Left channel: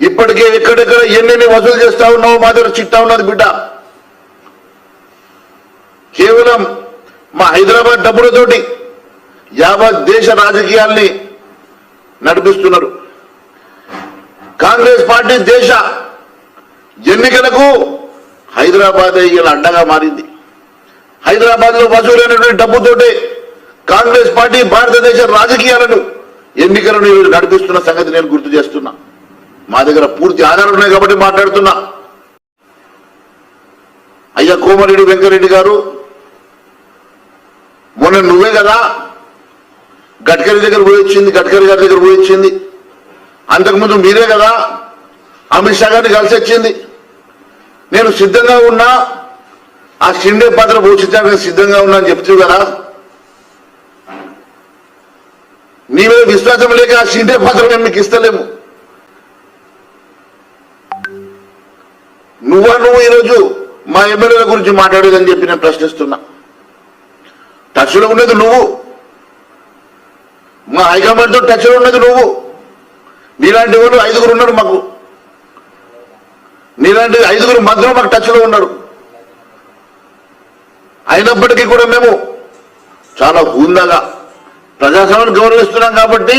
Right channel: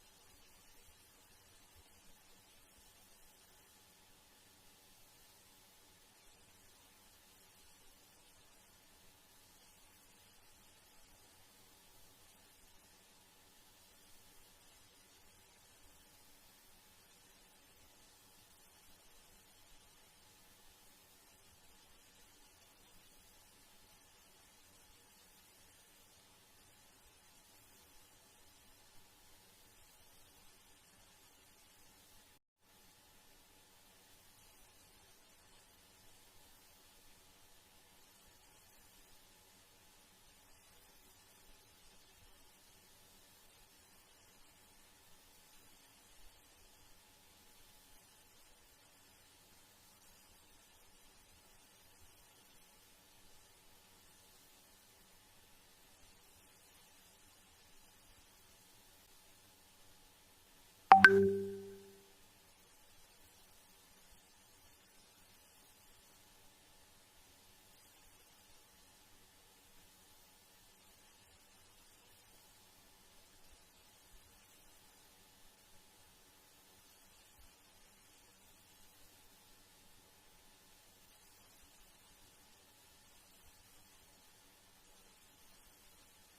ఇప్పటికే ఎక్కడెక్కడ ఎన్నెన్ని వసూలు చేస్తా ఉన్నావో మా దగ్గర చిట్టా ఉన్నది బిడ్డ. కేవలం మా హైదరాబాద్ డబ్బులతోటి యావత్ దేశ రాజకీయాల్ని నడిపిస్తున్నారు. కాంగ్రెస్ పార్టీ దేశ ఎన్నికలకు హైదరాబాద్ ఇలా అడ్డగా మారింది. హైదరాబాద్ లో వసూలైనటువంటి డబ్బుతోటే కాంగ్రెస్ పార్టీ భారతదేశ రాజకీయాలను ఎన్నికలను నడిపిస్తున్న సంగతి నేను గుర్తు చేస్తున్నా. మా దగ్గర పూర్తి ఆధారాలు ఉన్నాయి కాబట్టి మాట్లాడుతున్నా. అయ్యా కోమరెడ్డి వెంకరెడ్డి గారు, మొన్న నువ్వే కదా గడ్కరీ దగ్గర పోయి వచ్చింది, గడ్కరీ గారి దగ్గర పోయి వచ్చింది. అంతకుముందు మీరే కదా అమిత్ షా గారిని కలిసి వచ్చింది. నేను సిద్ధంగా ఉన్నా, ఆ షిండే పాత్ర పోషించడానికి సిద్ధంగా ఉన్నా అని చెప్తూ కదా. నీ మీద విశ్వాసం లేక ఆ షిండే పాత్ర మేము మీకు ఇస్తలేము. నువ్వు ఈరోజు మా ఎమ్మెల్యేల గురించి మాట్లాడేదని చెప్పి నేను ప్రశ్నిస్తున్నా. టచ్లో ఉన్నది నువ్వు, మా హైకమాండ్తో టచ్లో ఉన్నది నువ్వు. నీలాంటి వాళ్ళు 5గురు ఉన్నారు మాకు, నీలాంటి 5గురు మధ్యలో మాకు టచ్లో ఉన్నారు. అయినప్పటికీ కూడా మేము చాలా హుందాగా ప్రజాస్వామ్యాన్ని గౌరవిస్తున్నాం కాబట్టి